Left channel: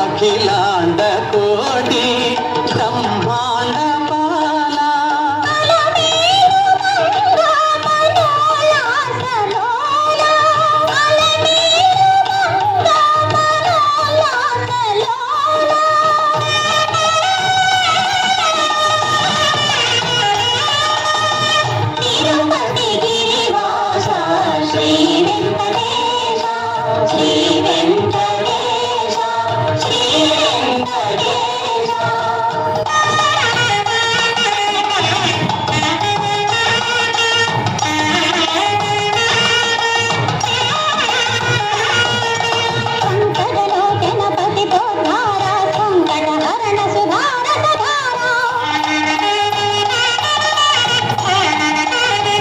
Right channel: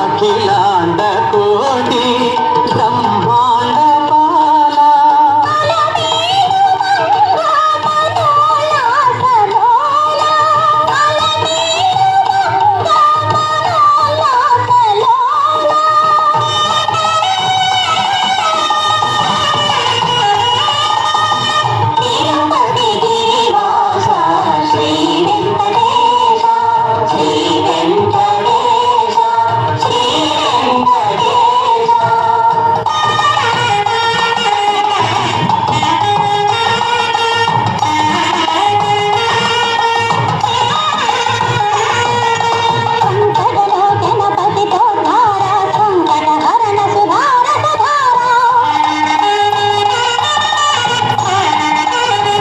அகிலாண்ட கோடி